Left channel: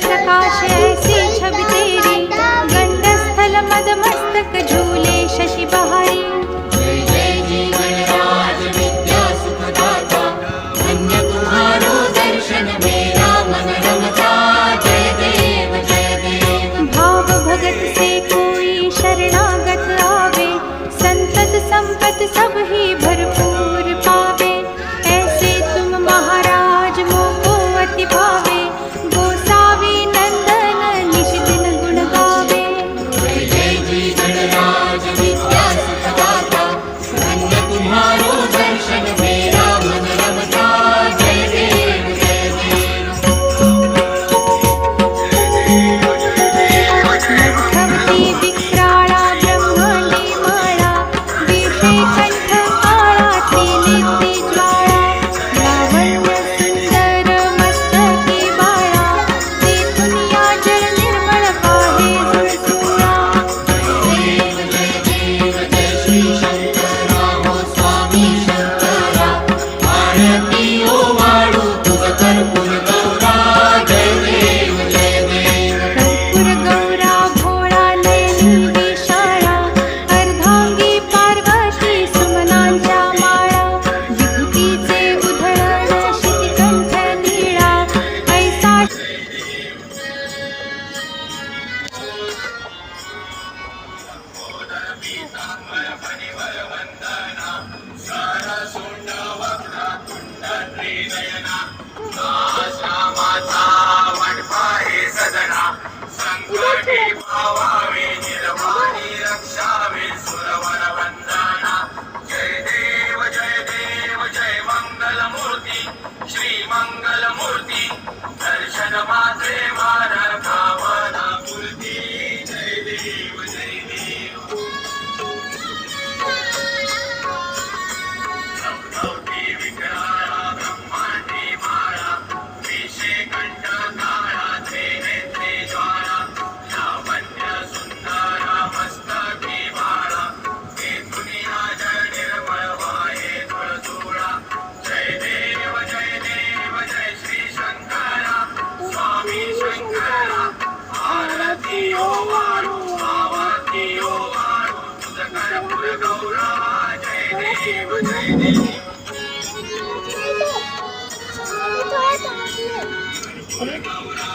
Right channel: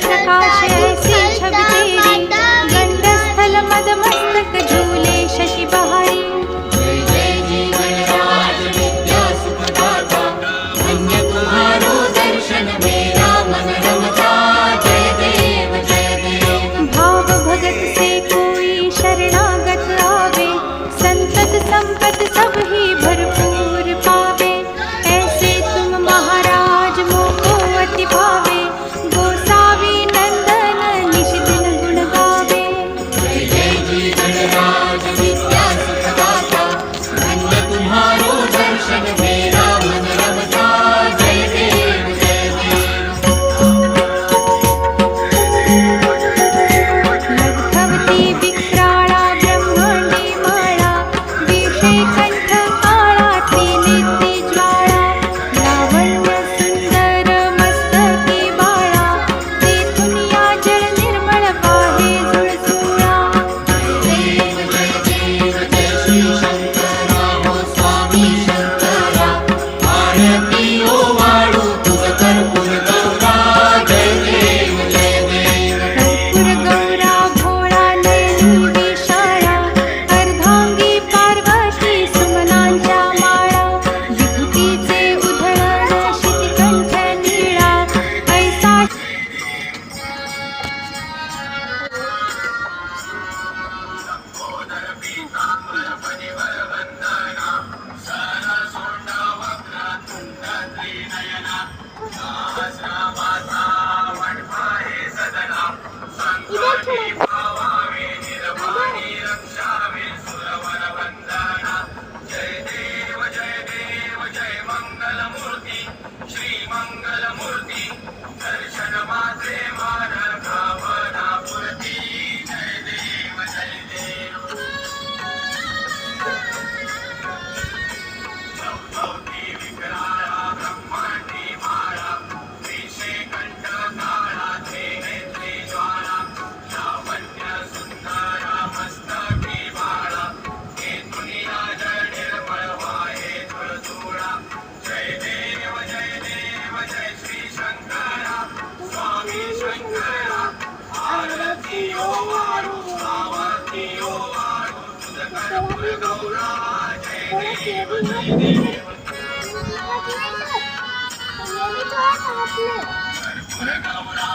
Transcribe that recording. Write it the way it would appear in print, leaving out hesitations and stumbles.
प्रकाश ऐसी छवि तेरी, गंडस्थल मद मस्तक झूले शशि बहारी। जय जय जीवनराज विद्या सुखदाता, धन्य तुम्हारो दर्शन मेरा मन रमता। जय देव जय देव। भाव भगत से कोई शरणागत आवे, संतत संपत सब ही भरपूर पावे। ऐसे तुम महाराज मोको अति भावे, गोसावी नंदन निश दिन गुण गावे। जय जय जीवनराज विद्या सुखदाता, धन्य तुम्हारो दर्शन मेरा मन रमता। जय देव जय देव। लग्धवती विक्राळा ब्रह्मांडी माळा, विषे कंठ काळा त्रिनेत्री ज्वाळा। लावण्य सुंदर मस्तकी बाळा, तेथून या जल निर्मळ वाहे जुळजुळा। देव जय देव जय श्री शंकरा हो स्वामी शंकरा, आरती ओ वाळू तुझ कर्पूर गौरा। जय देव जय देव। कर्पूर गौरा भोळा नयनी विशाळा, अर्धांगी पार्वती सुमनांच्या माळा। विभूतीचे उधळण शितिकंठ नीळा, ऐसा श्री मंगल मूर्ती, दर्शन मात्रे मान भावना पूर्ती। जय देव जय देव। लग्धवती विक्राळा ब्रह्मांडी माळा, विषे कंठ काळा त्रिनेत्री ज्वाळा। लावण्य सुंदर मस्तकी बाळा, तेथून या जल निर्मळ वाहे जुळजुळा। जय देव जय देव जय श्री शंकरा, स्वामी शंकरा, आरती ओ वाळू आरती ओ वाळू तुझ कर्पूर गौरा। जय देव जय देव। कर्पूर गौरा